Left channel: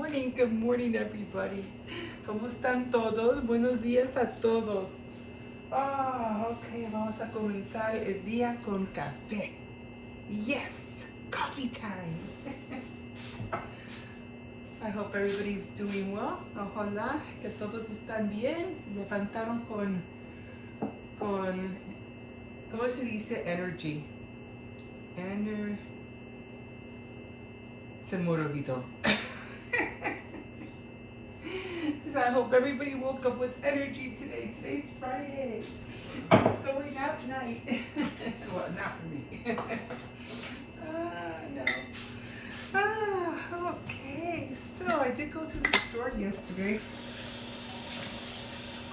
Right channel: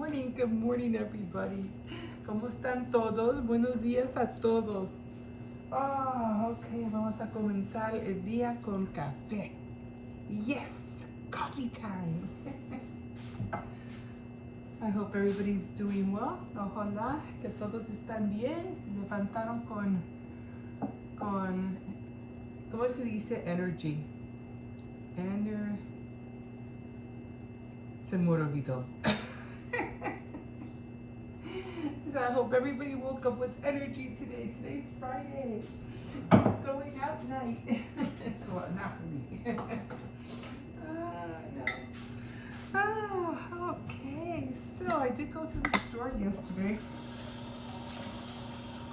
good morning everybody. ¿Cómo están todos? Buenos días a todos. Ok, vamos a comenzar el día con café. Yes, coffee time. I hope everybody's doing well. Ojalá que todos están bien. Se levantaron con ¿cómo se dice? Energy. Se me olvidó. So I hope everybody woke up with energy today. Today's Friday. It's going out night. Well, not for me. No. Okay. So I did go to the store yesterday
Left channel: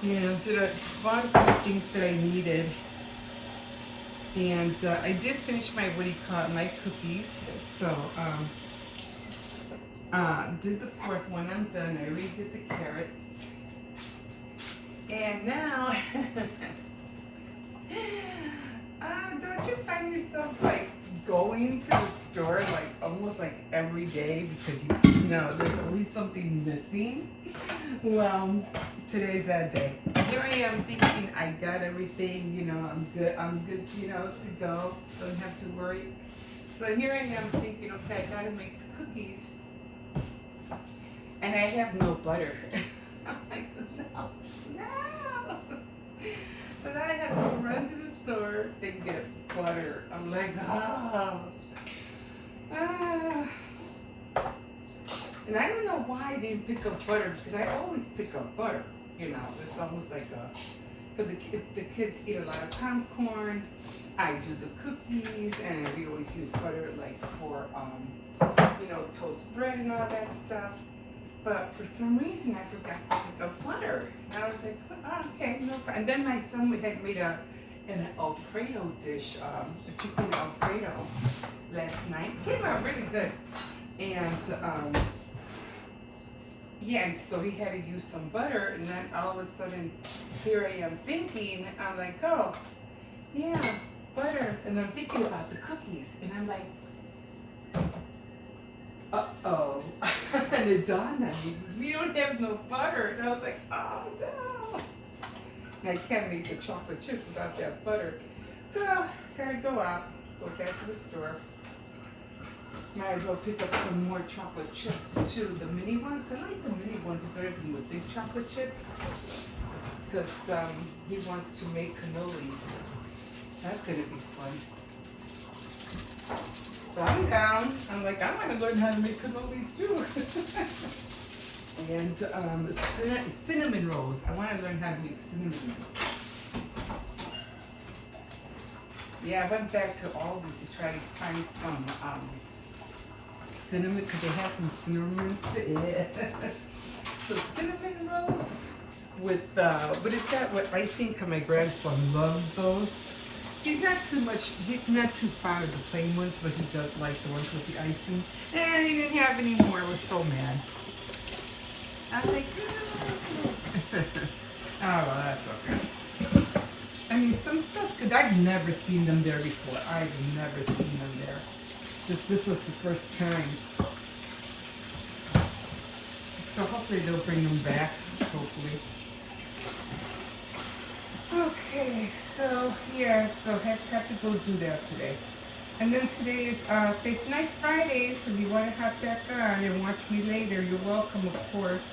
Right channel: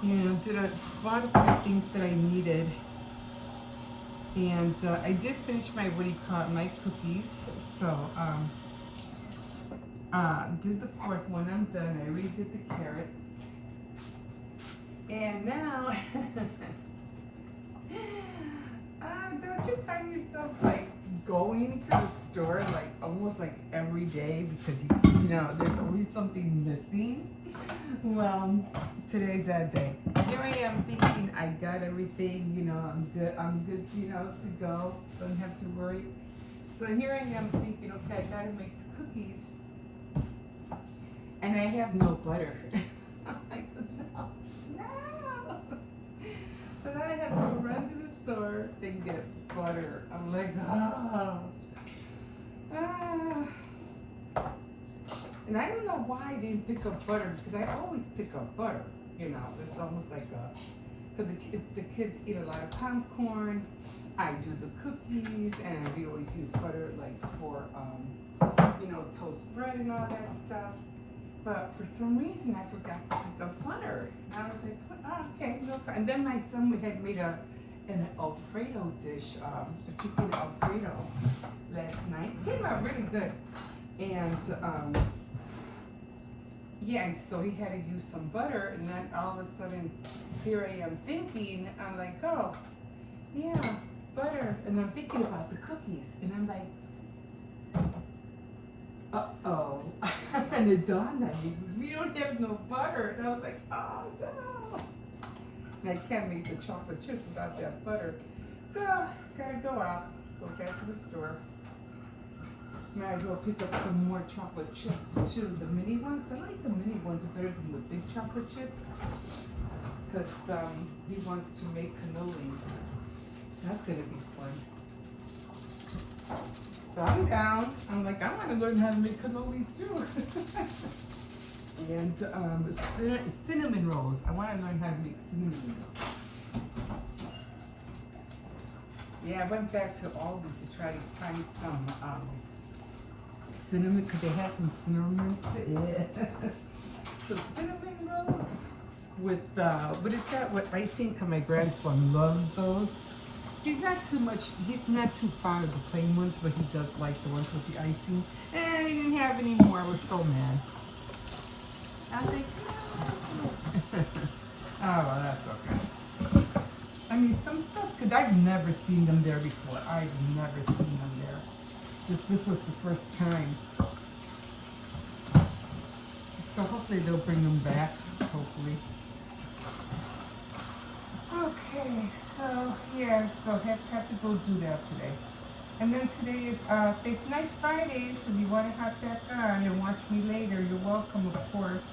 and did a lot of good things that I needed. And I did finish my, my cookies. So, did the fourth one, I'm done. I already did the carrots. And now, don't you find yourself like going to the store like almost like every day because you know there's always something missing? Well, today's that day. Here I am thinking I got everything, you know, I'm good, you know, to go. Don't have to worry. So here I am thinking, okay, I gotta make the cookies. And I have no butter. I'm like, no. So then I have to run to the store and get butter. I'm like, And I don't know why I didn't pick up butter, because I always pick up butter. You know, it's almost like because the kids eat a lot of popcorn. I do the cookies, and we always use butter like for, you know, toast bread and all that stuff. But for some reason, I forgot to pick up butter. And I was like, okay, no problem. And then my son had made an Alfredo dish, a chicken Alfredo last night. It came out really good. And, yeah, and so he had to use some butter. And then all of a sudden, here I am thinking, I'm like, oh, yeah, butter. And I'm thinking about the cookies. And I'm like, uh-oh. And it dawned on me, we don't have no butter. And I was like, oh no. And I can't make the chocolate chips without that butter. So, gotta go out, go back to the store. Might as well pick up some more chocolate chips too. The mini ones, I like the mini ones better than the big chocolate chips. Because he wants to make cannolis. That's gonna be fun. So I'm down. I'm like, I want to learn how to make cannolis too. And cinnamon rolls. I want to learn how to make cinnamon rolls. Yeah, I went back to Aldi's to try to find some cinnamon, because they have some cinnamon. So cinnamon rolls with, what is that? What icing? Because my grandson loves those. He's not too fond of the plain ones, but he does like the ones with the icing. And he didn't have any more. I was so mad. I'm like, oh, well, that's okay. I mean, some stuff, because I've never seen them there before. I've never seen them there. This was the first time. So hopefully they'll bring them back, hopefully. Okay, so yeah, so have to go do that today. And then today is Faith Night Friday, so if you want to hop back on and watch me later, you're welcome, of course.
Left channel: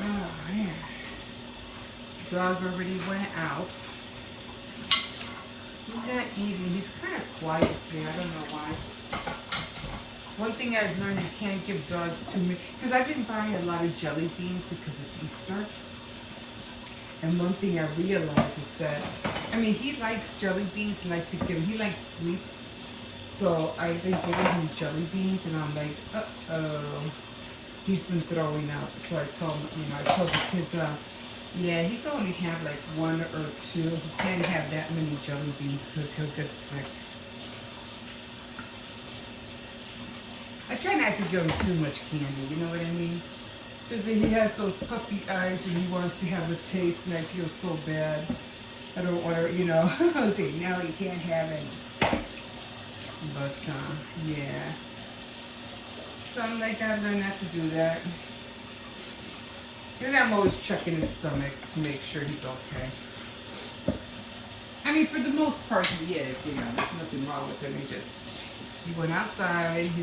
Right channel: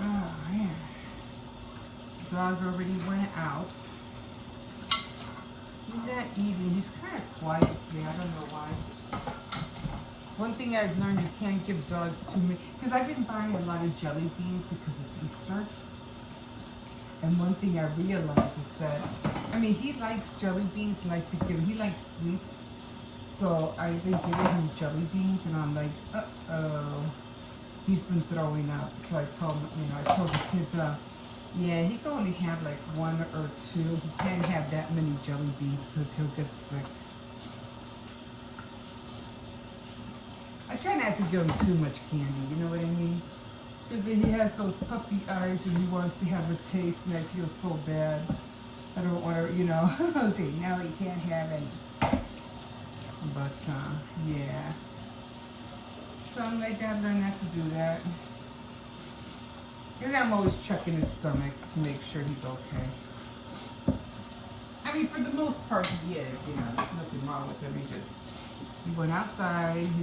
Oh, man. Dog already went out. He's not eating. He's kind of quiet today. I don't know why. One thing I've learned, you can't give dogs too many, because I've been buying a lot of jelly beans because it's Easter. And one thing I realized is that, I mean, he likes jelly beans, he likes sweets. So I've been giving him jelly beans, and I'm like, uh-oh. He's been throwing up. So I told the kids, yeah, he can only have like one or two. He can't have that many jelly beans because he'll get sick. I try not to give him too much candy, you know what I mean? Because he has those puppy eyes and he wants to have a taste, and I feel so bad. I don't want to, you know, okay, now he can't have any. But, yeah. Some they gotta learn not to do that. And I'm always checking his stomach to make sure he's okay. I mean, for the most part, he is. You know, there's nothing wrong with him. He went outside. He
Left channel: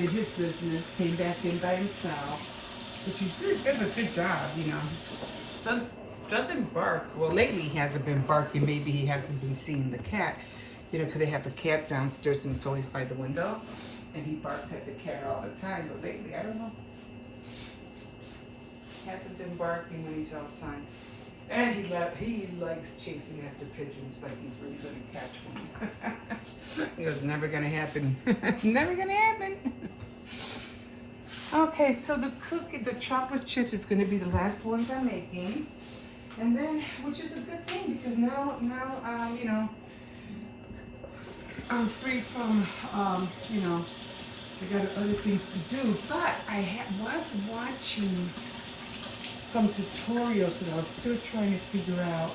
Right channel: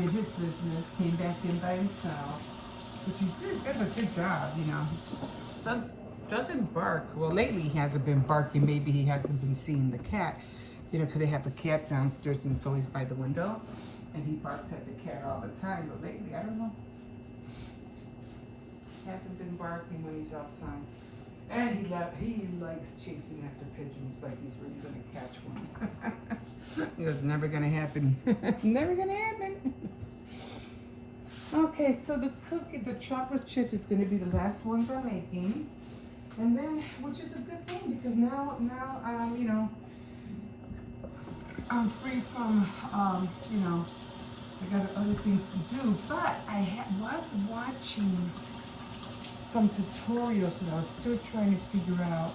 did his business. Came back in by himself, which he does a good job. You know, doesn't bark. Well, lately he hasn't been barking. Maybe he hasn't been seeing the cat. You know, because they have the cat downstairs and it's always by the window, and he barks at the cat all the time. But lately, I don't know. Hasn't been barking when he's outside. And he likes chasing after pigeons like he's really going to catch one. He goes, never going to happen. Never going to happen. Okay, so the chocolate chips is going to be the last ones I'm making. And then, which is a good thing because now you know, I'm free from, you know, I got other things to do. But I was watching some tutorials and I was still trying to figure out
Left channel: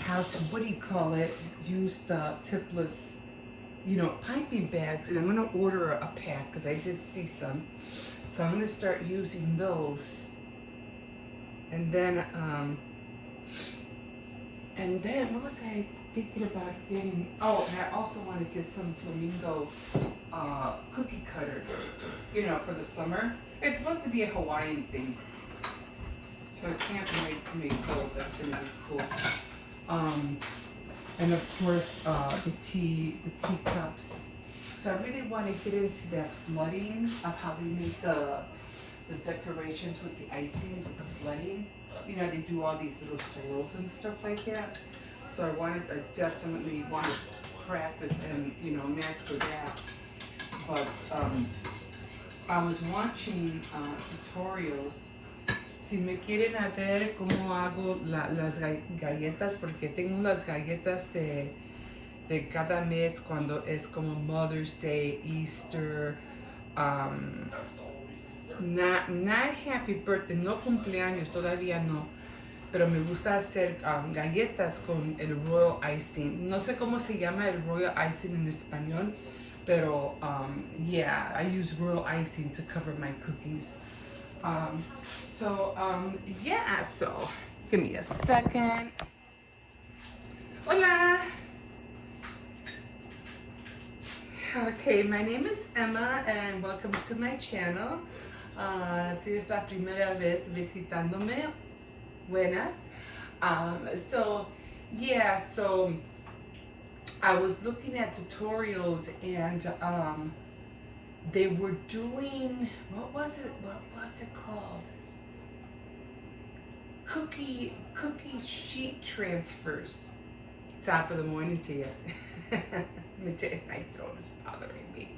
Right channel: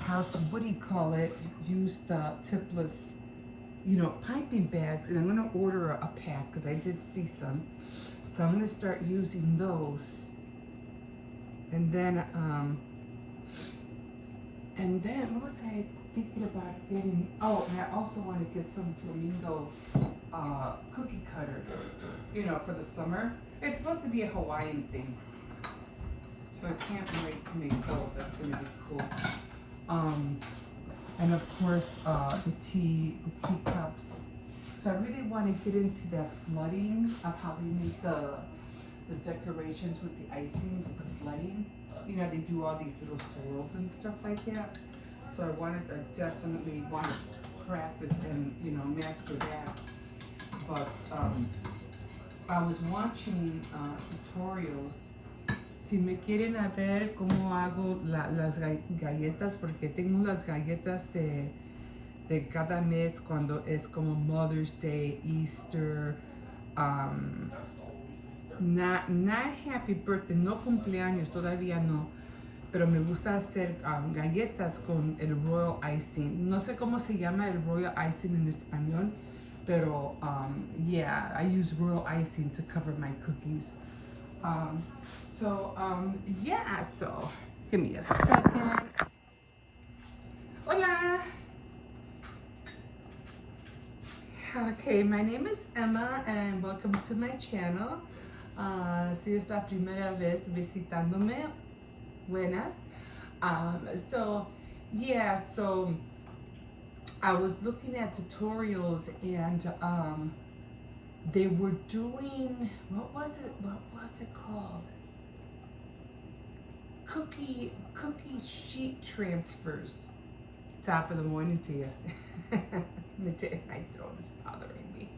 how to, what do you call it, use the tipless, you know, piping bags. And I'm going to order a pack because I did see some. So I'm going to start using those. And then what was I thinking about getting? Oh, and I also want to get some flamingo cookie cutters, you know, for the summer. It's supposed to be a Hawaiian thing. So I can't wait to make those. That's gonna be cool. And of course, the teacups. So I really want to get into that flooding of how they make the decorations with the icing, with the flooding. You know, they do all these little swirls and stuff like that. So I definitely want to practice and, you know, master that. But I was watching tutorials. Si me quieren a ver cómo hago las galletas, porque tengo las galletas de cada mes cuando es como Mother's Day, Easter, not happy birthday, no cumpleaños, todavía no, pero me gusta hacer galletas con el royal icing. No sé cómo se llama el royal icing en español, pero yeah, I use royal icing to cover my cookies. Yeah, so give me a second. Hola. Okay, my name is Emma and welcome to my channel. Si es la primera vez visitándome, buenas. So I was looking at tutorials and they were doing, what was it called? Cookie sheet transfers. Top of the morning to you. Let me tell you, my throat is bothering me.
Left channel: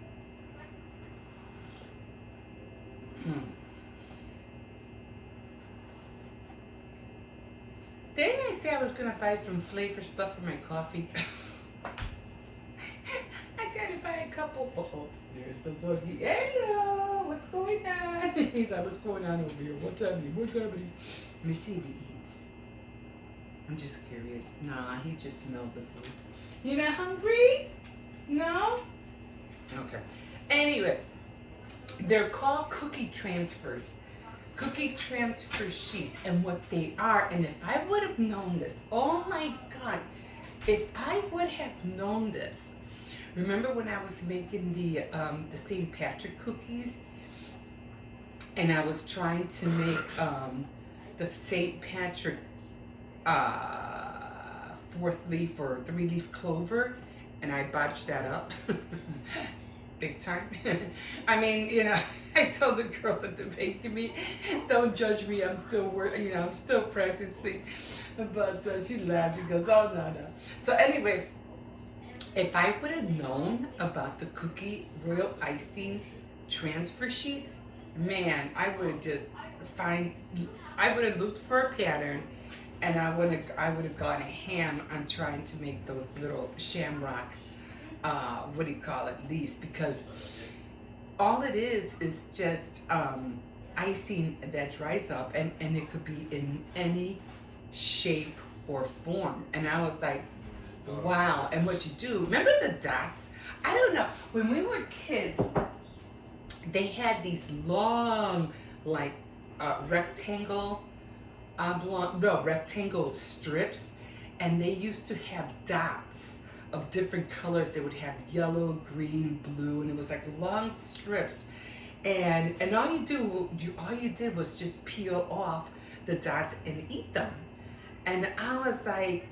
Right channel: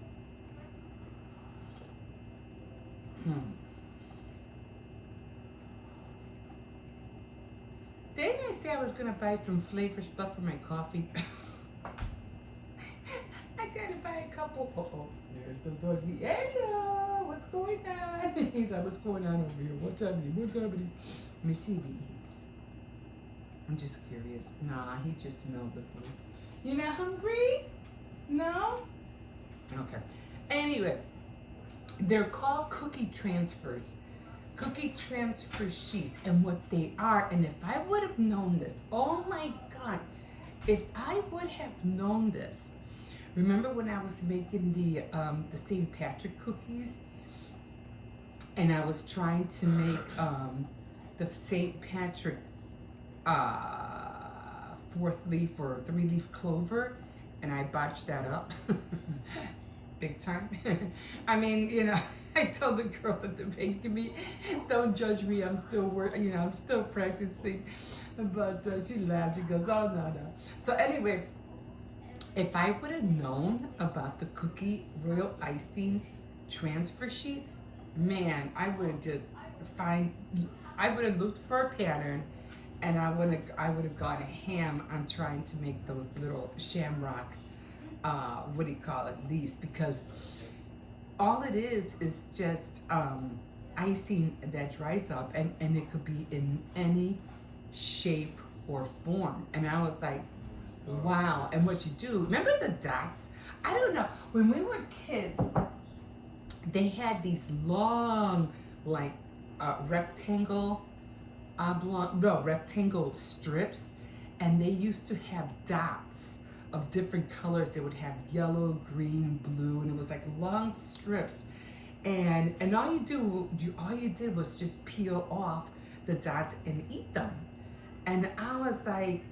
Didn't I say I was gonna buy some flavor stuff for my coffee? I gotta buy a couple. Oh, there's the doggy. Hello, what's going on? He's like, what's going on over here? What's happening? Let me see if he eats. I'm just curious. Nah, he just smelled the food. You not hungry? No? Okay. Anyway, they're called cookie transfers. Cookie transfer sheets, and what they are, and if I would have known this, oh my God, if I would have known this, remember when I was making the St. Patrick cookies, and I was trying to make the St. Patrick 4th leaf or 3-leaf clover, and I botched that up big time. I mean, you know, I told the girls at the bakery, don't judge me, I'm still working, you know, I'm still practicing. But she laughed, she goes, oh no. So anyway, if I would have known about the cookie royal icing transfer sheets, man, I would have looked for a pattern, and I would have gone ham on trying to make those little shamrock, leaves, because all it is just icing that dries up, and it could be in any shape or form. And I was like, wow. And what you do, remember the dots? I don't know. When we were kids, they had these long, like, rectangle, oblong, no, rectangle strips, and they used to have dots of different colors. They would have yellow, green, blue, and it was like long strips. And all you did was just peel off the dots and eat them. And I was like,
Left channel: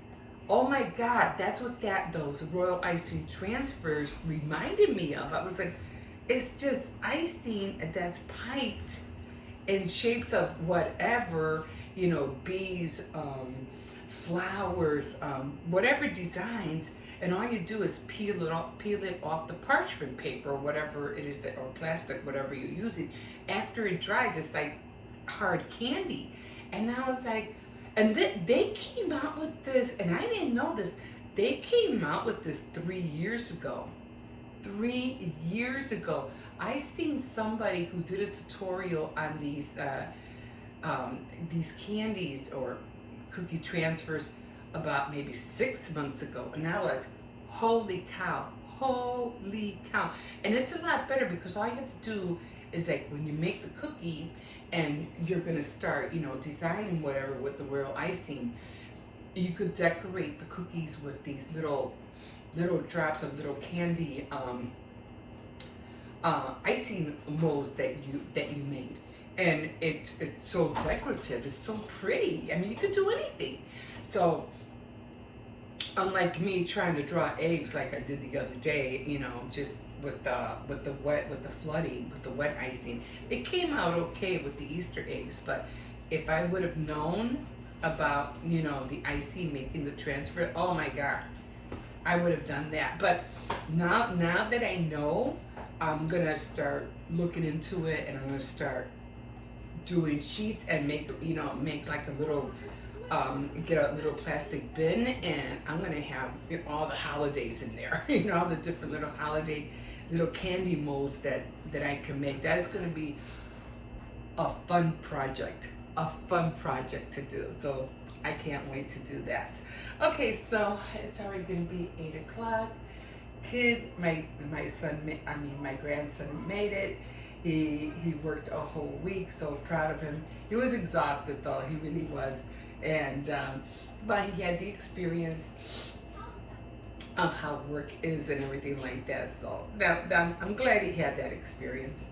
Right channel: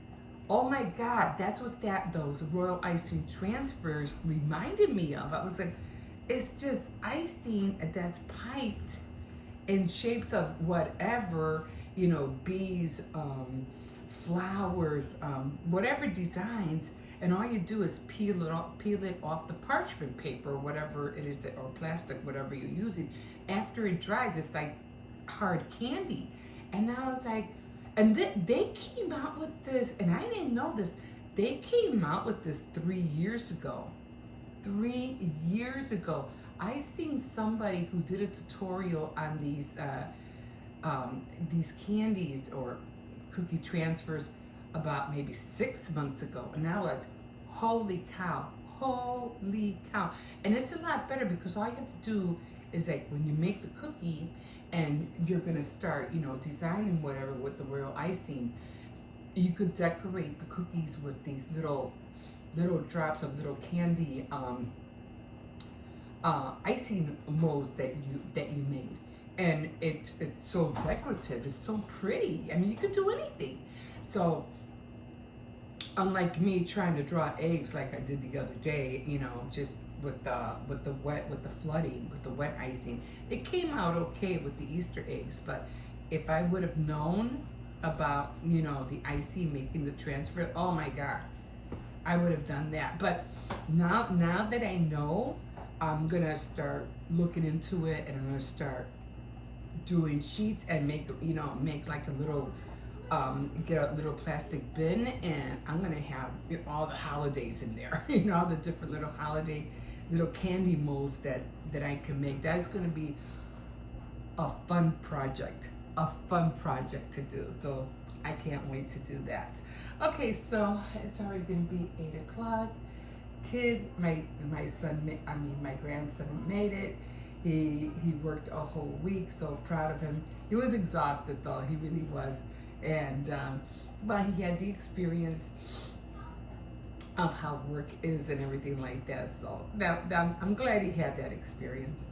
oh my God, that's what those royal icing transfers reminded me of. I was like, it's just icing that's piped in shapes of whatever, bees, flowers, whatever designs, and all you do is peel it off the parchment paper or whatever it is or plastic, whatever you're using. After it dries, it's like hard candy. And I was like, and they came out with this, and I didn't know this. They came out with this 3 years ago. 3 years ago, I seen somebody who did a tutorial on these candies or cookie transfers about maybe 6 months ago, and I was, holy cow, holy cow. And it's a lot better because all you have to do is, like, when you make the cookie and you're gonna start, designing whatever with the royal icing, you could decorate the cookies with these little drops of little candy icing molds that you made, and it's so decorative. It's so pretty. I mean, you could do anything. So unlike me trying to draw eggs like I did the other day, just with the flooding, with the wet icing, it came out okay with the Easter eggs. But if I would have known about the icing making the transfer, oh my God, I would have done that. But now that I know, I'm gonna start looking into it, and I'm gonna start doing sheets and make like a little get a little plastic bin, and I'm gonna have all the holidays in there. All the different little holiday little candy molds that I can make. That's gonna be a fun project to do. So I can't wait to do that. Okay, so it's already gonna be 8 o'clock. Kids, my grandson made it. He worked a whole week. So proud of him. He was exhausted though. He really was. And but he had the experience of how work is and everything like that. So I'm glad he had that experience.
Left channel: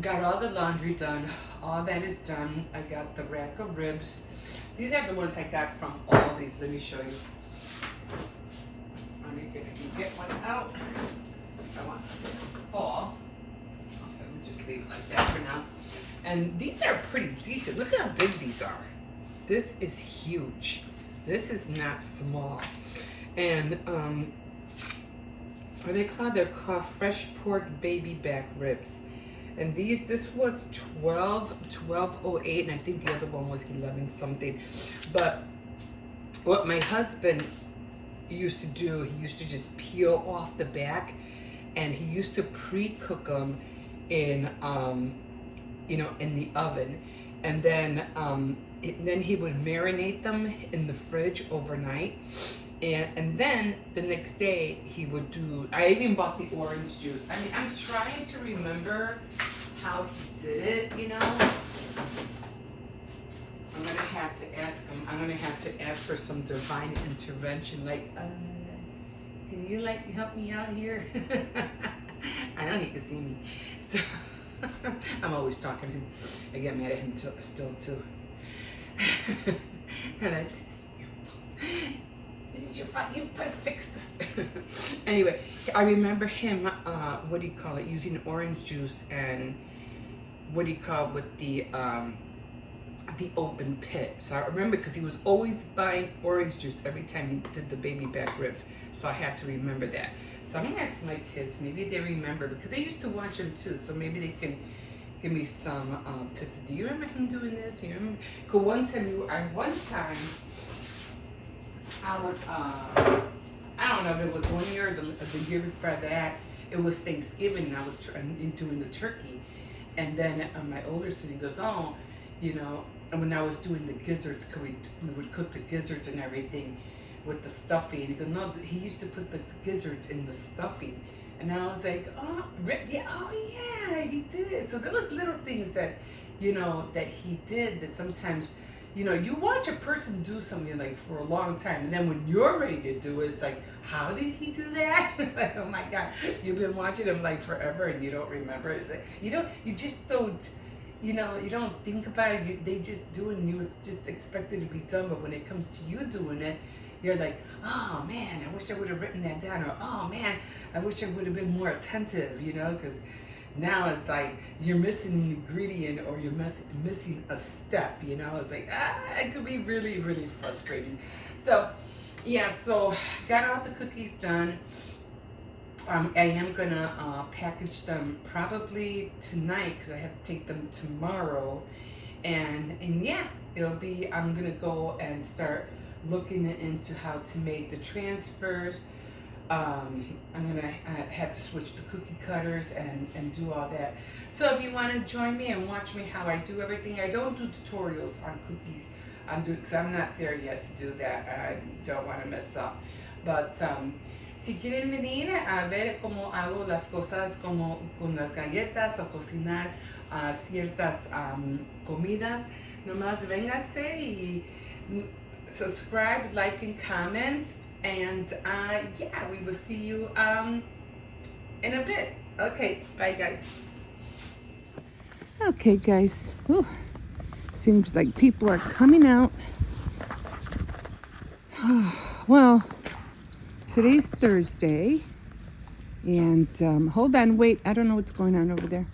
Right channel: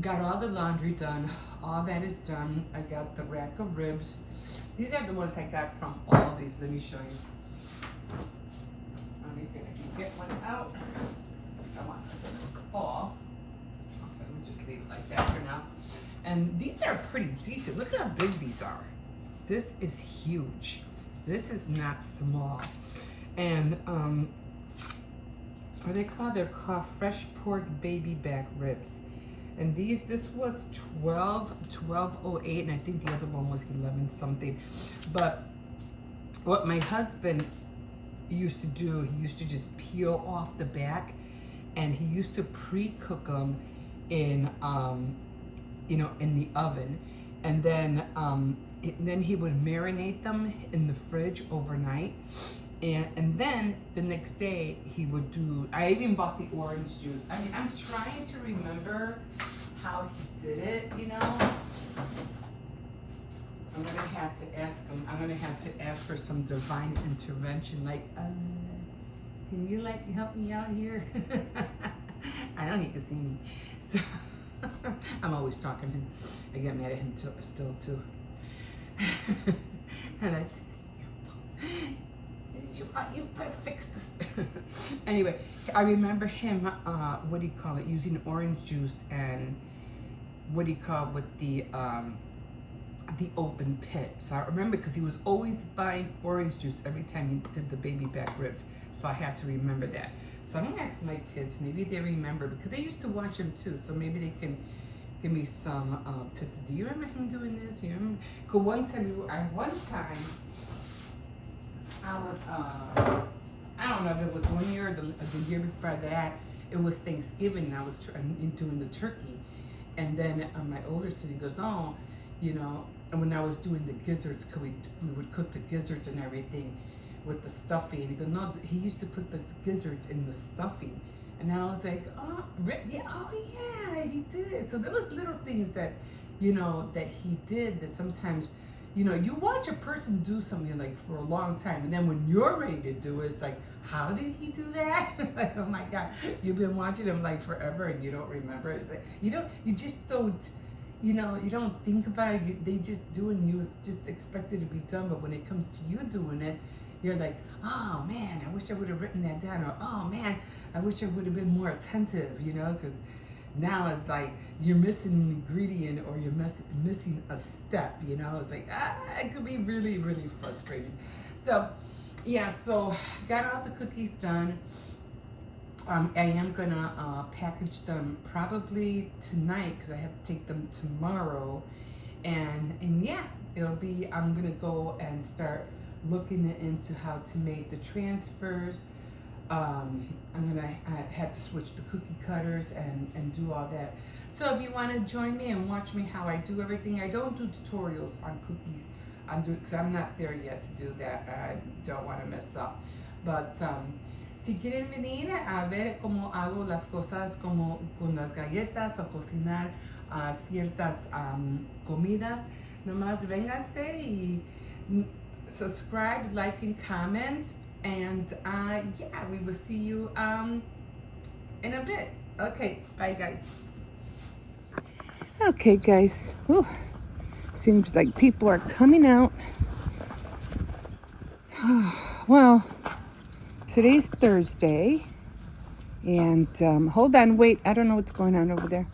Got all the laundry done. All that is done. I got the rack of ribs. These are the ones I got from Aldi's. Let me show you. Let me see if I can get one out. I want it to fall. Okay, we'll just leave it like that for now. And these are pretty decent. Look at how big these are. This is huge. This is not small. And what are they called? They're called fresh pork baby back ribs. And this was $12.08, and I think the other one was 11 something. But what my husband used to do, he used to just peel off the back, and he used to pre-cook them in in the oven, and then he would marinate them in the fridge overnight. And then the next day he would do, I even bought the orange juice. I mean, I'm trying to remember how he did it, I'm going to have to ask him. I'm going to have to ask for some divine intervention. Like, can you help me out here? I know he can see me. So I'm always talking to him. I get mad at him still too. And you better fix this. Anyway, I remember him, using orange juice and with the open pit. So I remember because he was always buying orange juice every time he did the baby back ribs. So I have to remember that. So I'm gonna ask my kids, maybe they remember, because they used to watch him too. So maybe they can give me some tips. Do you remember him doing this? You remember? Because one time I was, I don't know if it was 1 year or the year before that, it was Thanksgiving, and I was doing the turkey. And then my older son, he goes, oh, And when I was doing the gizzards, we would cook the gizzards and everything with the stuffing. And he goes, no, he used to put the gizzards in the stuffing. And I was like, oh, yeah, oh yeah, he did it. So there was little things that, that he did that sometimes, you watch a person do something like for a long time, and then when you're ready to do it, it's like, how did he do that? Like, oh my God, you've been watching him like forever and you don't remember. It's like, you just don't, you don't think about it. They just do it and you just expect it to be done. But when it comes to you doing it, you're like, oh man, I wish I would have written that down. Or, oh man, I wish I would have been more attentive, because now it's like you're missing an ingredient or you're missing a step, It's like, it could be really, really frustrating. So, yeah, so got all the cookies done. I am gonna package them probably tonight because I have to take them tomorrow, and yeah, I'm gonna go and start looking into how to make the transfers. I'm gonna have to switch the cookie cutters and do all that. So if you want to join me and watch me how I do everything, I don't do tutorials on cookies. Because I'm not there yet to do that. I don't want to mess up. But si quieren venir a ver cómo hago las cosas como con las galletas o cocinar ciertas comidas, nomás véngase y subscribe, like, and comment. And yeah, we will see you in a bit. Okay, bye guys. Okay guys, ooh, seems like people are coming out. Well, today's Thursday, and hold on, wait, I don't know what's going on over there.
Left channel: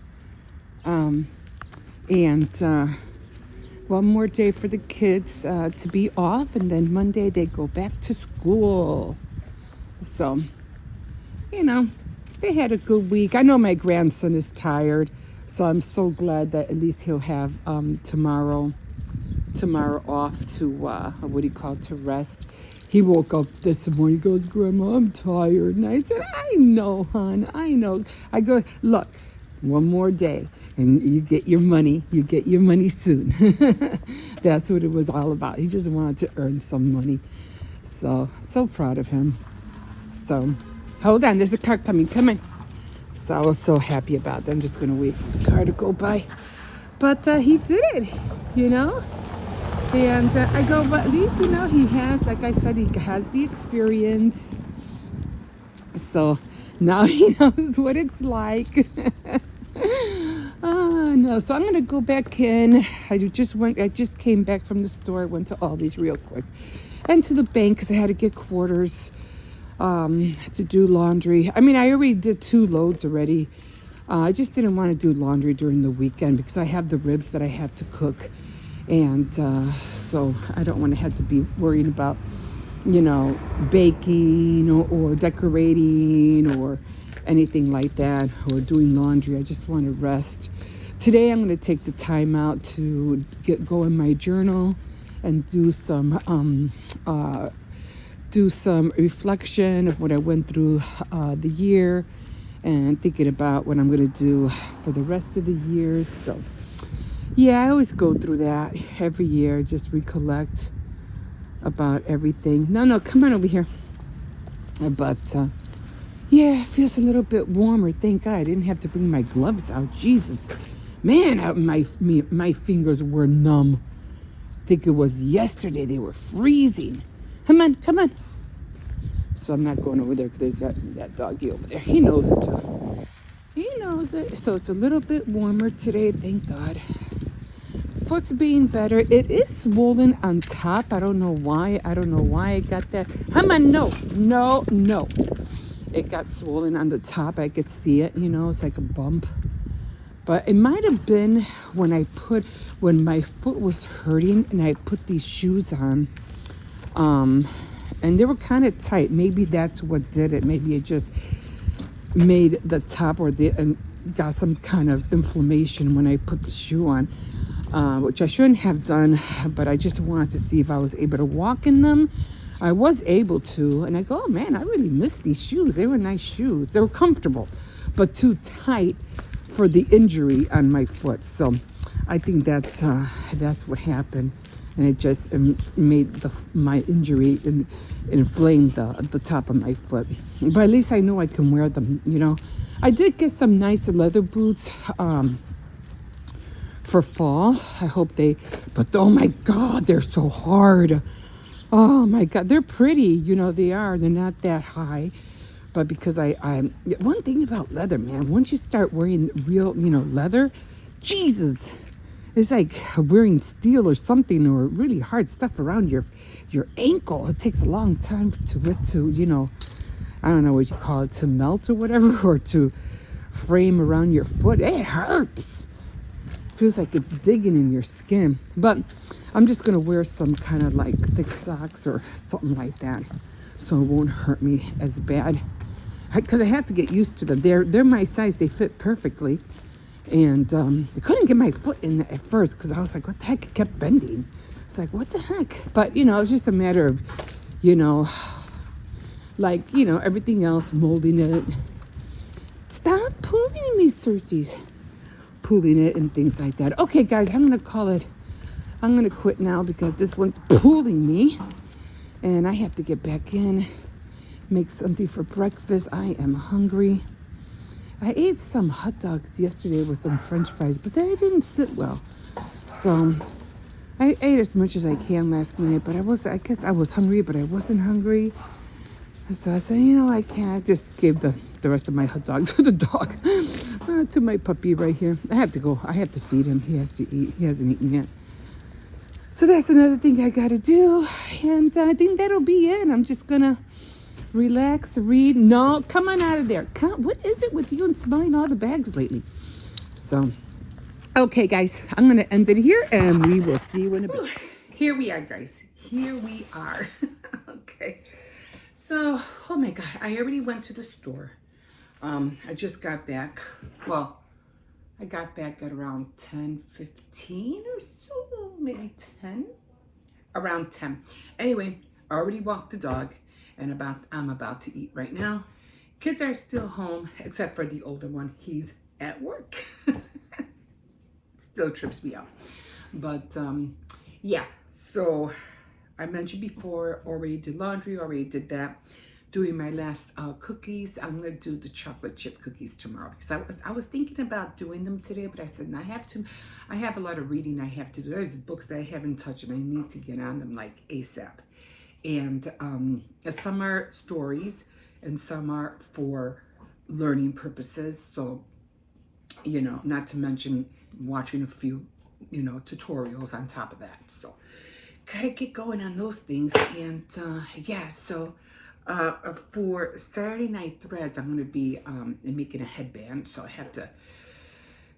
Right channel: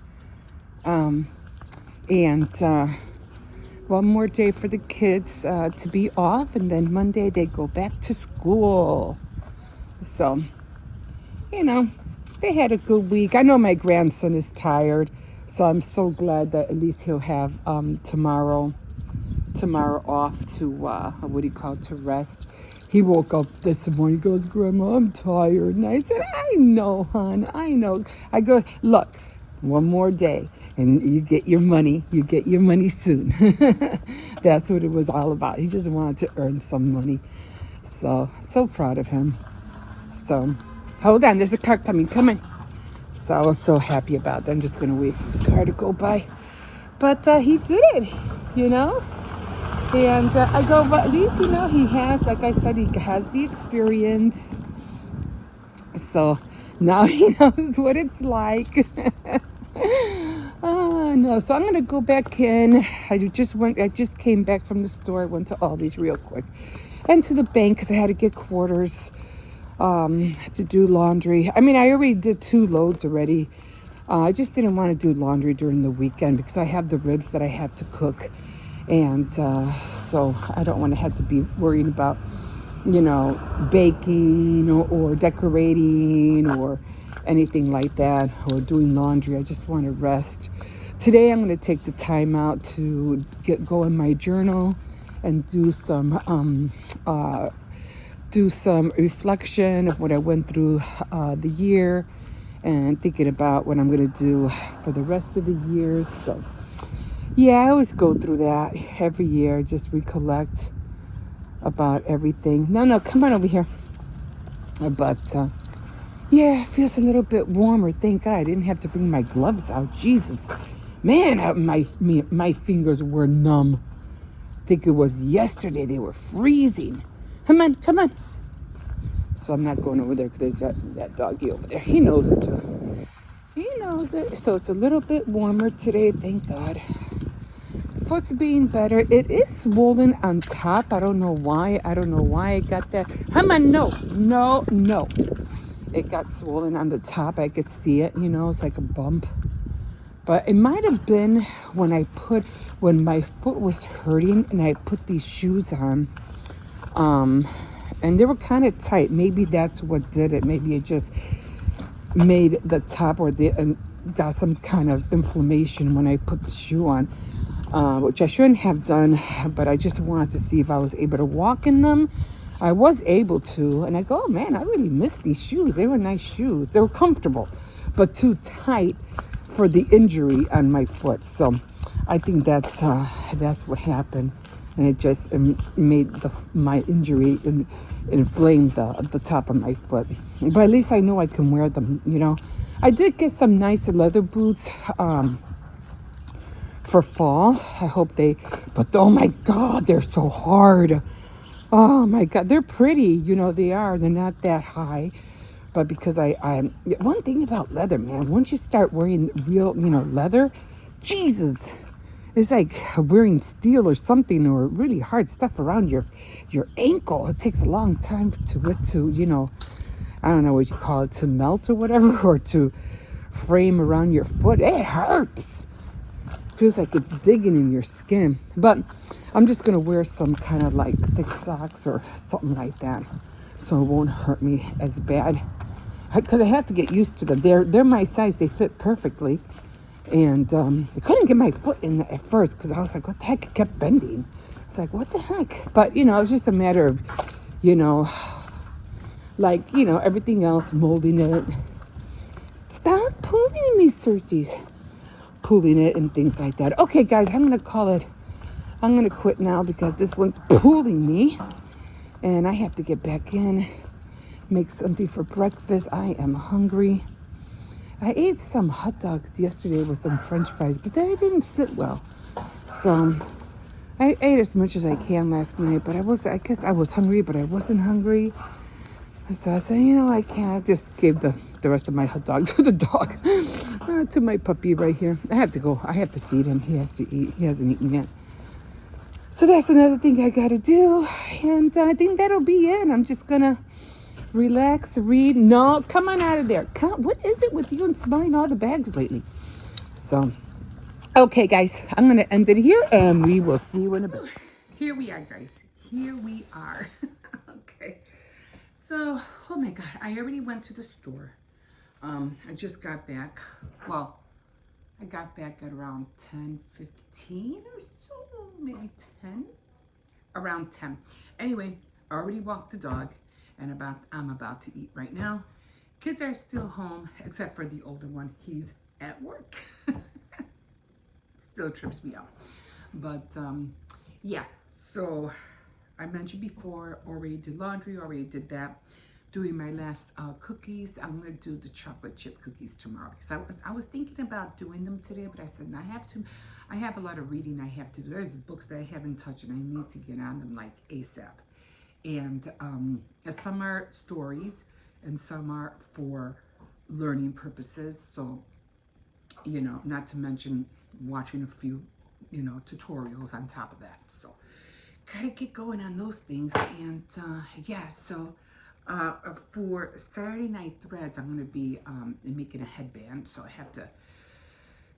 One more day for the kids to be off, and then Monday they go back to school. So, they had a good week. I know my grandson is tired, so I'm so glad that at least he'll have tomorrow off to to rest. He woke up this morning, he goes, Grandma, I'm tired. And I said, I know, hon, I know. I go, look, one more day and you get your money. You get your money soon. That's what it was all about. He just wanted to earn some money. So proud of him. So, hold on, there's a car coming. Come in. So I was so happy about that. I'm just going to wait for the car to go by. But he did it, And I go, but at least, he has, like I said, he has the experience. So now he knows what it's like. No, so I'm going to go back in. I just came back from the store, went to Aldi's real quick. And to the bank because I had to get quarters to do laundry. I mean, I already did 2 loads already. I just didn't want to do laundry during the weekend because I have the ribs that I have to cook. And so I don't want to have to be worrying about, baking or decorating or anything like that, or doing laundry. I just want to rest. Today I'm going to take the time out to go in my journal and do some reflection of what I went through the year, and thinking about what I'm going to do for the rest of the year. So yeah, I always go through that every year, just recollect about everything. No, come on over here. But yeah, it feels a little bit warmer. Thank God I didn't have to bring my gloves out. Jesus, man, my fingers were numb. I think it was yesterday they were freezing. Come on. So I'm not going over there because there's that doggy over there. He knows it. So it's a little bit warmer today, thank God. Foot's being better. It is swollen on top. I don't know why. I got that. Come on, no. It got swollen on the top. I could see it, it's like a bump. But it might have been when my foot was hurting and I put these shoes on. And they were kind of tight. Maybe that's what did it. Maybe it just made the top and got some kind of inflammation when I put the shoe on, which I shouldn't have done, but I just wanted to see if I was able to walk in them. I was able to, and I go, oh man, I really missed these shoes. They were nice shoes. They were comfortable, but too tight for the injury on my foot. So I think that's what happened, and it just made my injury and inflamed the top of my foot. But at least I know I can wear them. You know, I did get some nice leather boots for fall. I hope they. But oh my God, they're so hard. Oh my God, they're pretty. You know they are. They're not that high. But because I one thing about leather, man, once you start wearing real, leather, Jesus, it's like wearing steel or something or really hard stuff around your ankle. It takes a long time to it to, I don't know what you call it, to melt or whatever, or to frame around your foot. It hurts. Feels like it's digging in your skin. But I'm just gonna wear some kind of like thick socks or something like that, so it won't hurt me as bad. Because I have to get used to them. They're my size. They fit perfectly. And I couldn't get my foot in at first because I was like, what the heck? It kept bending. It's like, what the heck? But, it was just a matter of, everything else, molding it. Stop pulling me, Cersei's. Pulling it and things like that. Okay, guys, I'm going to call it. I'm going to quit now because this one's pulling me. And I have to get back in. Make something for breakfast. I am hungry. I ate some hot dogs yesterday with some french fries, but they didn't sit well. So I ate as much as I can last night, but I guess I was hungry, but I wasn't hungry. So I said, I can't. I just gave the rest of my hot dog to the dog, to my puppy right here. I have to go. I have to feed him. He has to eat. He hasn't eaten yet. So that's another thing I got to do. And I think that'll be it. I'm just going to relax, read. No, come on out of there. What is it with you and smelling all the bags lately? So, okay, guys, I'm going to end it here, and we will see you in a bit. Here we are, guys. Here we are. Okay. So, oh my God, I already went to the store. I just got back. Well, I got back at around 10:15 or so, maybe 10. Around 10. Anyway, I already walked the dog. And I'm about to eat right now. Kids are still home, except for the older one. He's at work. Still trips me out. But yeah, so I mentioned before, already did laundry, already did that. Doing my last cookies. I'm gonna do the chocolate chip cookies tomorrow because I was thinking about doing them today, but I said I have a lot of reading I have to do. There's books that I haven't touched and I need to get on them like ASAP. And some are stories and some are for learning purposes. So, not to mention watching a few, tutorials on top of that. So, gotta get going on those things. And yeah, so for Saturday Night Threads, I'm going to be making a headband. So I have to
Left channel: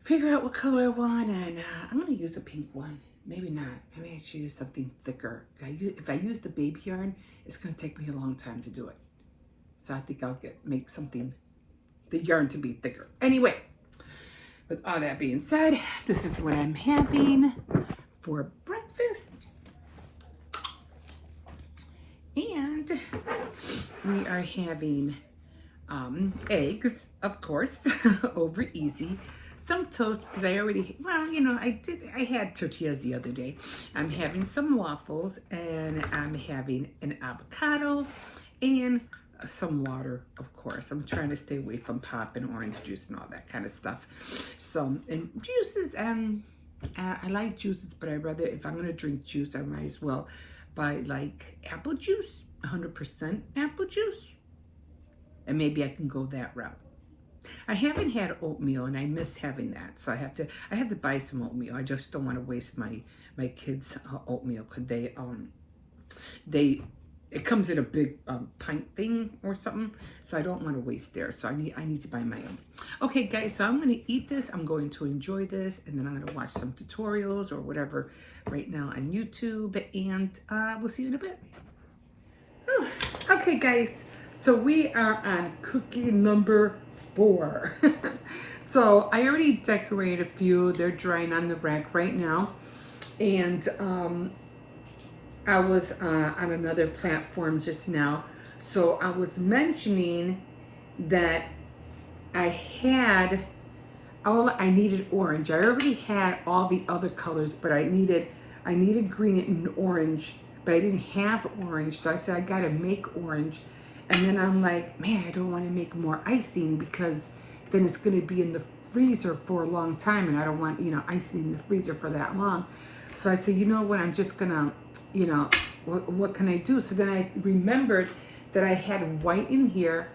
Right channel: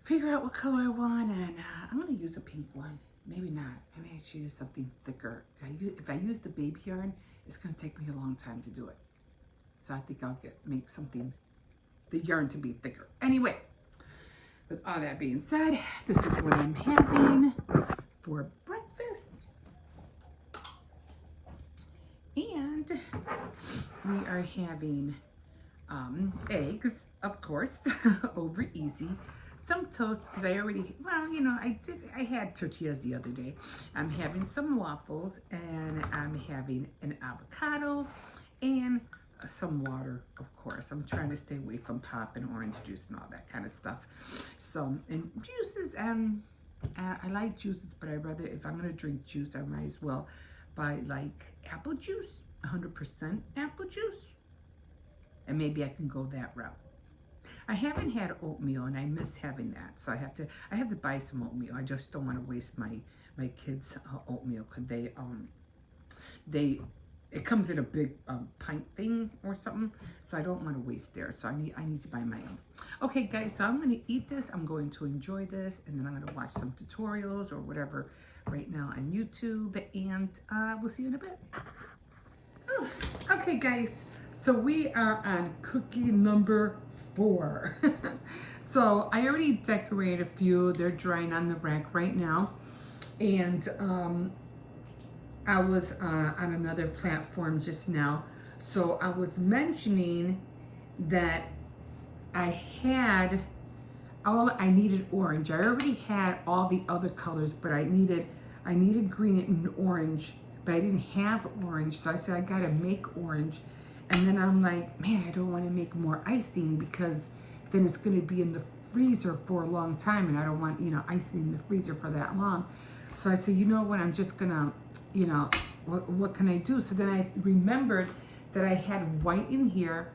figure out what color I want. And I'm going to use a pink one. Maybe not. Maybe I should use something thicker. If I use the baby yarn, it's going to take me a long time to do it. So I think I'll make the yarn to be thicker. Anyway, with all that being said, this is what I'm having for breakfast. And we are having eggs, of course, over easy. Some toast because I had tortillas the other day. I'm having some waffles and I'm having an avocado and some water, of course. I'm trying to stay away from pop and orange juice and all that kind of stuff. So, and juices, I like juices, but if I'm going to drink juice, I might as well buy like apple juice, 100% apple juice. And maybe I can go that route. I haven't had oatmeal and I miss having that, so I have to buy some oatmeal. I just don't want to waste my kids' oatmeal because it comes in a big pint thing or something, so I don't want to waste there. So I need to buy my own. Okay, guys, so I'm going to eat this. I'm going to enjoy this, and then I'm going to watch some tutorials or whatever right now on YouTube, and we'll see you in a bit. Whew. Okay, guys. So we are on cookie number 4. So I already decorated a few. They're drying on the rack right now. And I was on another platform just now. So I was mentioning that I had all I needed orange. I already had all the other colors, but I needed green and orange, but I didn't have orange. So I said, I gotta make orange. And then I'm like, man, I don't want to make more icing because then it's going to be in the freezer for a long time. And I don't want, icing in the freezer for that long. So I said, you know what, I'm just going to, what can I do? So then I remembered that I had white in here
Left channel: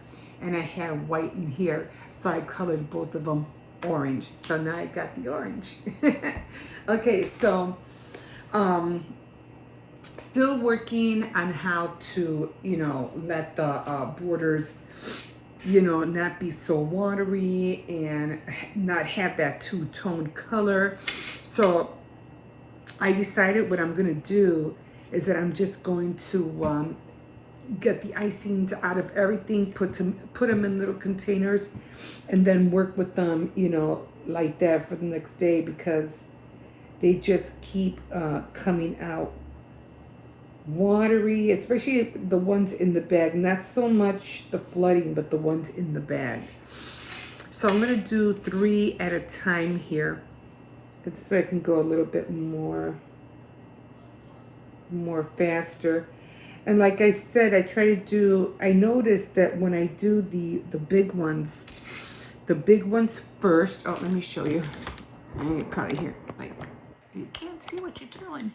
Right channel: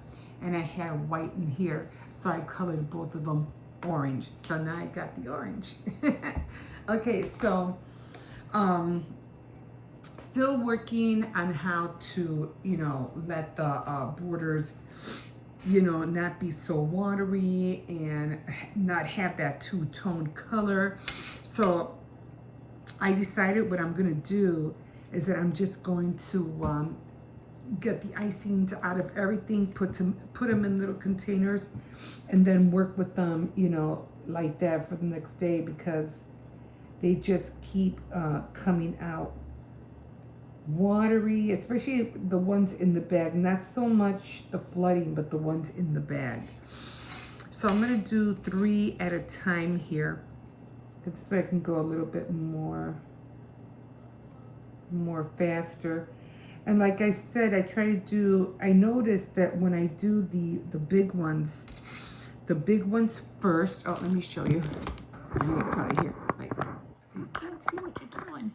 and I had white in here. So I colored both of them orange. So now I got the orange. Okay, so, still working on how to, let the borders, not be so watery and not have that two-tone color. So I decided what I'm going to do is that I'm just going to get the icings out of everything, put them in little containers, and then work with them, like that for the next day, because they just keep coming out watery, especially the ones in the bag. Not so much the flooding, but the ones in the bag. So I'm going to do 3 at a time here, so I can go a little bit more faster. And like I said, I noticed that when I do the big ones first. Oh, let me show you. You probably hear, like, you can't see what you're doing.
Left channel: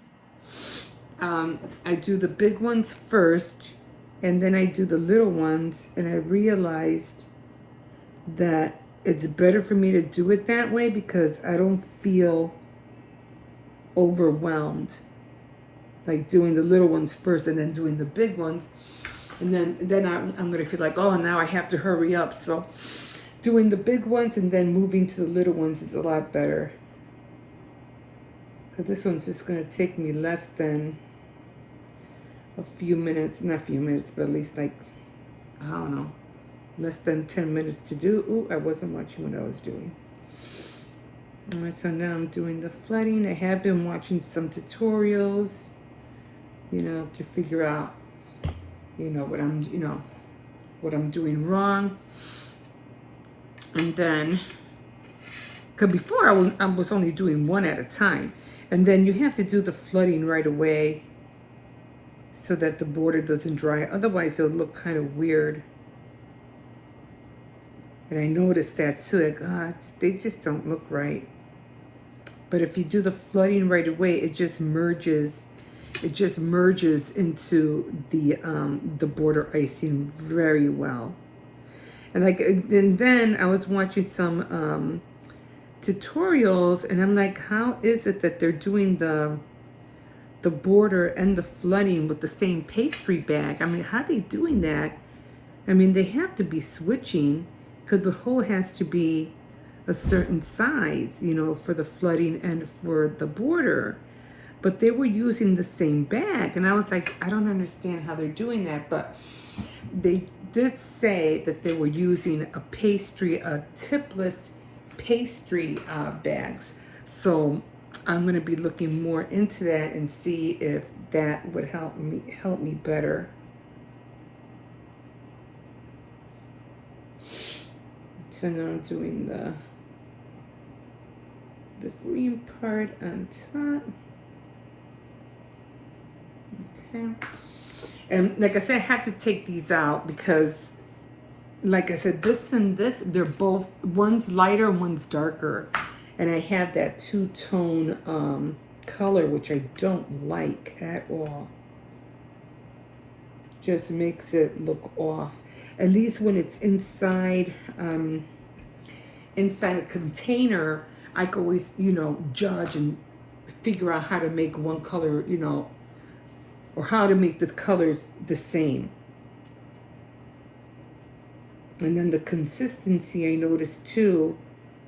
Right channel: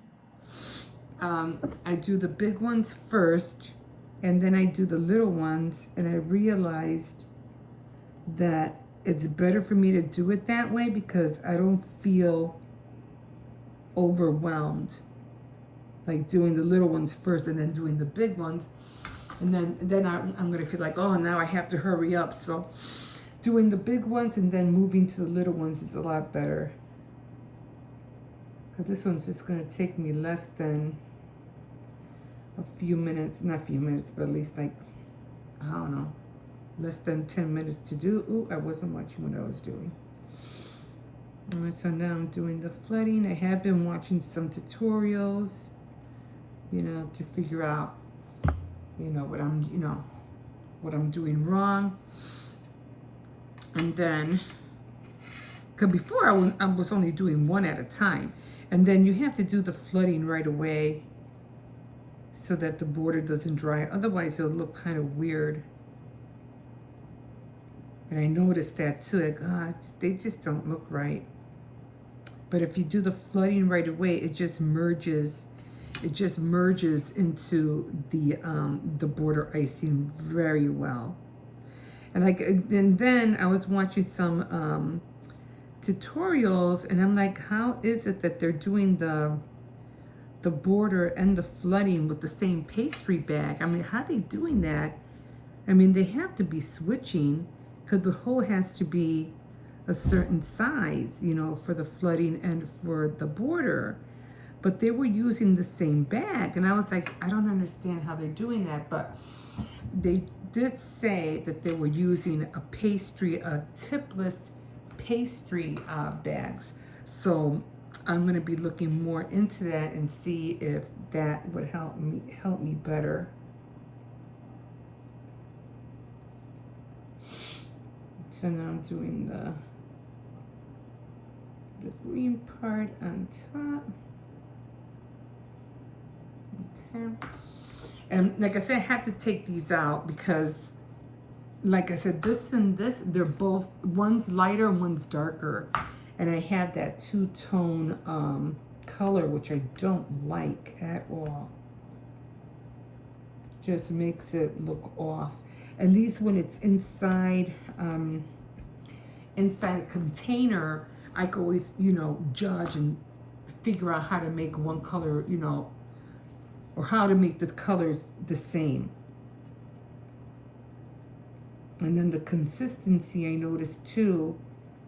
I do the big ones first, and then I do the little ones, and I realized that it's better for me to do it that way because I don't feel overwhelmed, like doing the little ones first and then doing the big ones, and then I'm gonna feel like, oh, now I have to hurry up. So doing the big ones and then moving to the little ones is a lot better, because this one's just gonna take me less than a few minutes, not a few minutes, but at least, like, I don't know, less than 10 minutes to do. Ooh, I wasn't watching what I was doing. All right, so now I'm doing the flooding. I have been watching some tutorials, to figure out, what I'm doing wrong. And then, because before I was only doing 1 at a time. And then you have to do the flooding right away so that the border doesn't dry. Otherwise, it'll look kind of weird. And I noticed that too. Like, they just don't look right. But if you do the flooding right away, it just merges. It just merges into the border icing very well. And then I was watching some tutorials, and I'm like, how is it that they're doing the border and the flooding with the same pastry bag? I mean, how are they doing that? I mean, they have to be switching, because the hole has to be a certain size, for the flooding and for the border. But they were using the same bag, and I was like, I don't understand how they're doing that. But they did say that they were using a tipless pastry bags. So I'm going to be looking more into that and see if that would help me better. So now I'm doing the green part on top. Okay. And like I said, I have to take these out because, like I said, this and this, they're both, one's lighter, one's darker. And I have that two-tone color, which I don't like at all. Just makes it look off. At least when it's inside a container, I can always, judge and figure out how to make one color, or how to make the colors the same. And then the consistency, I noticed too,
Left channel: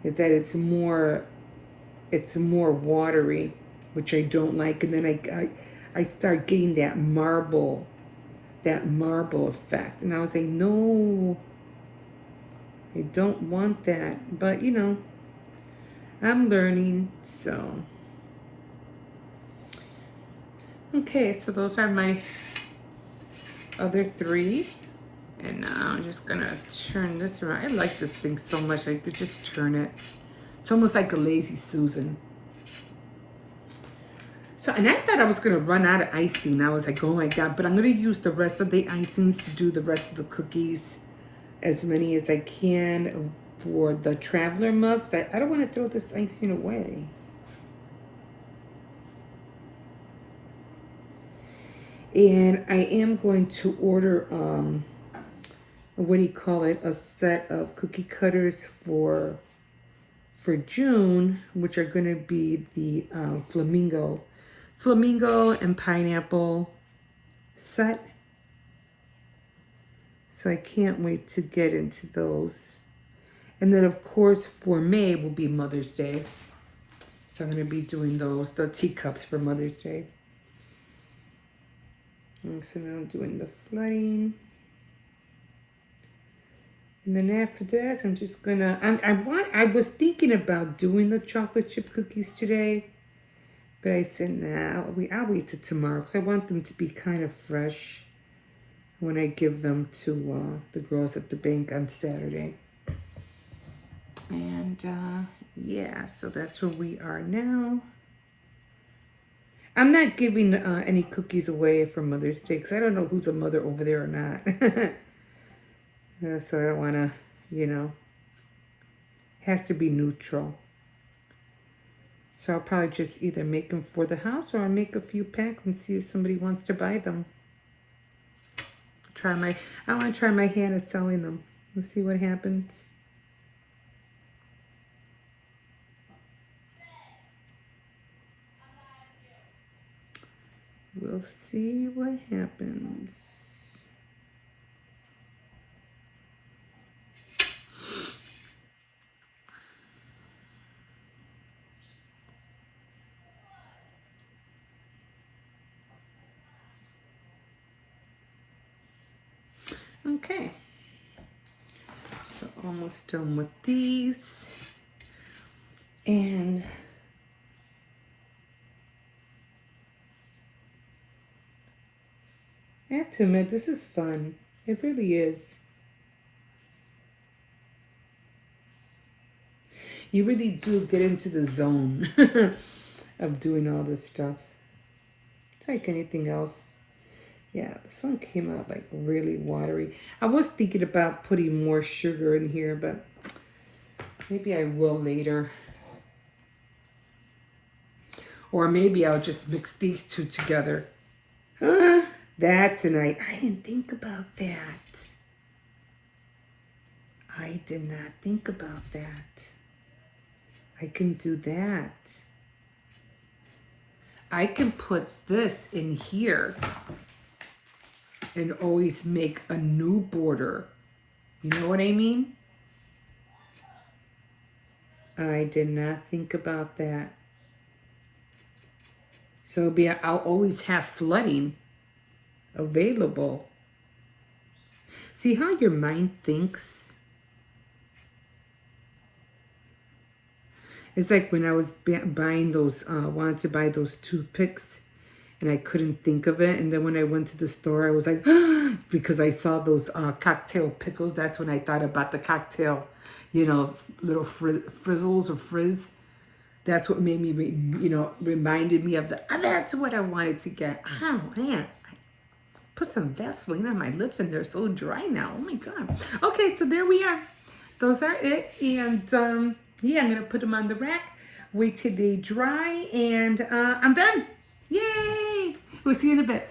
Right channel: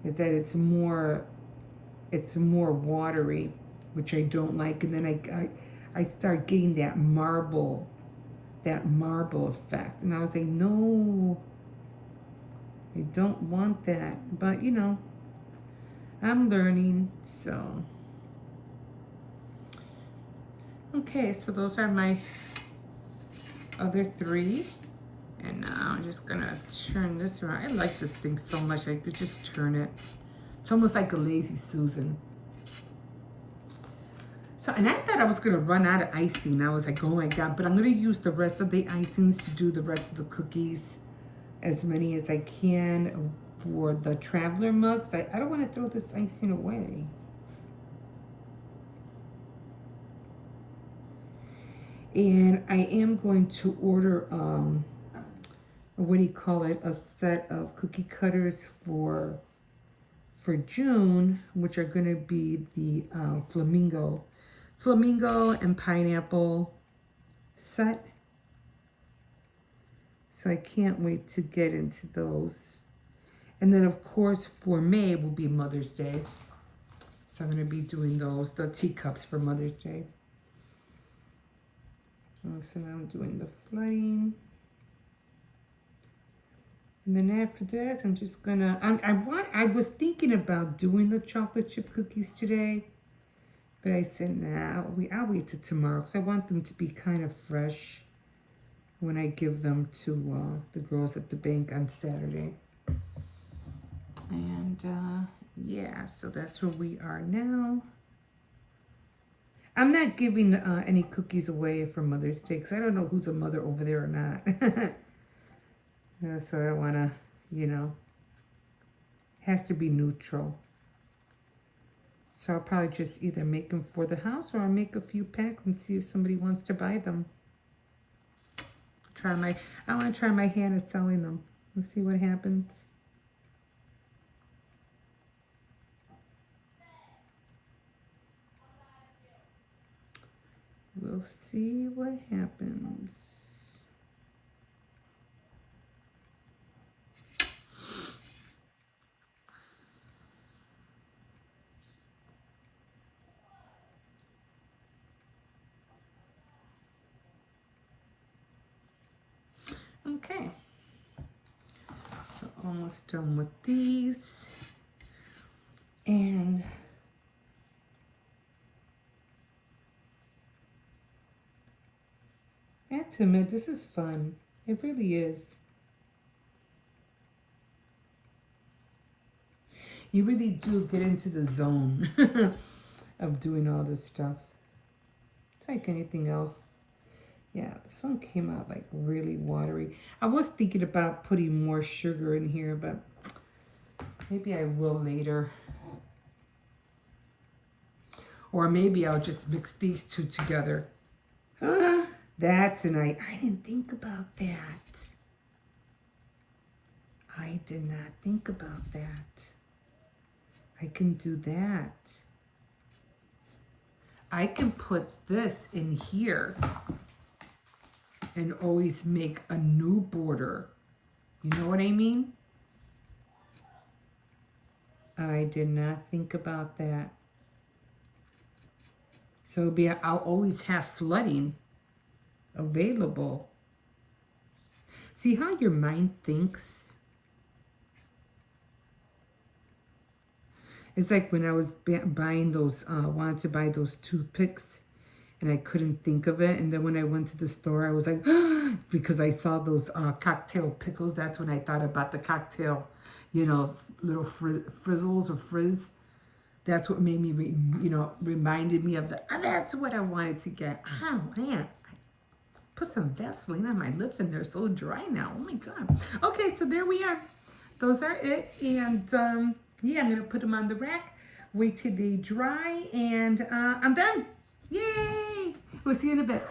is that it's more watery, which I don't like. And then I start getting that marble effect. And I was like, no, I don't want that. But, I'm learning, so. Okay, so those are my other 3. And now I'm just gonna turn this around. I like this thing so much, I could just turn it It's almost like a lazy Susan. So, and I thought I was going to run out of icing. I was like, oh my God. But I'm going to use the rest of the icings to do the rest of the cookies. As many as I can for the traveler mugs. I don't want to throw this icing away. And I am going to order, what do you call it? A set of cookie cutters for June, which are going to be the flamingo and pineapple set. So I can't wait to get into those. And then of course for May will be Mother's Day. So I'm going to be doing those, the teacups for Mother's Day. And so now I'm doing the flooding. And then after that, I'm just gonna, I was thinking about doing the chocolate chip cookies today, but I said, nah, I'll wait till tomorrow, because I want them to be kind of fresh when I give them to the girls at the bank on Saturday. And yeah, so that's where we are now. I'm not giving any cookies away for Mother's Day, because I don't know who's a mother over there or not. So I don't want to, you know, has to be neutral. So I'll probably just either make them for the house, or I'll make a few packs and see if somebody wants to buy them. I want to try my hand at selling them. Let's see what happens. We'll see what happens. Okay, so almost done with these, and I have to admit, this is fun. It really is. You really do get into the zone of doing all this stuff. It's like anything else. Yeah, this one came out like really watery. I was thinking about putting more sugar in here, but maybe I will later. Or maybe I'll just mix these two together. That's an idea. I didn't think about that. I did not think about that. I can do that. I can put this in here and always make a new border. You know what I mean? I did not think about that. So I'll always have flooding available. See how your mind thinks? It's like when I was buying those, wanted to buy those toothpicks, and I couldn't think of it. And then when I went to the store, I was like, because I saw those cocktail pickles. That's when I thought about the cocktail, you know, little frizzles or frizz. That's what made me, reminded me of that's what I wanted to get. Oh, man. I put some Vaseline on my lips and they're so dry now. Oh, my God. Okay, so there we are. Those are it. And, yeah, I'm going to put them on the rack. Wait till they dry. And I'm done. Yay! We'll see you in a bit.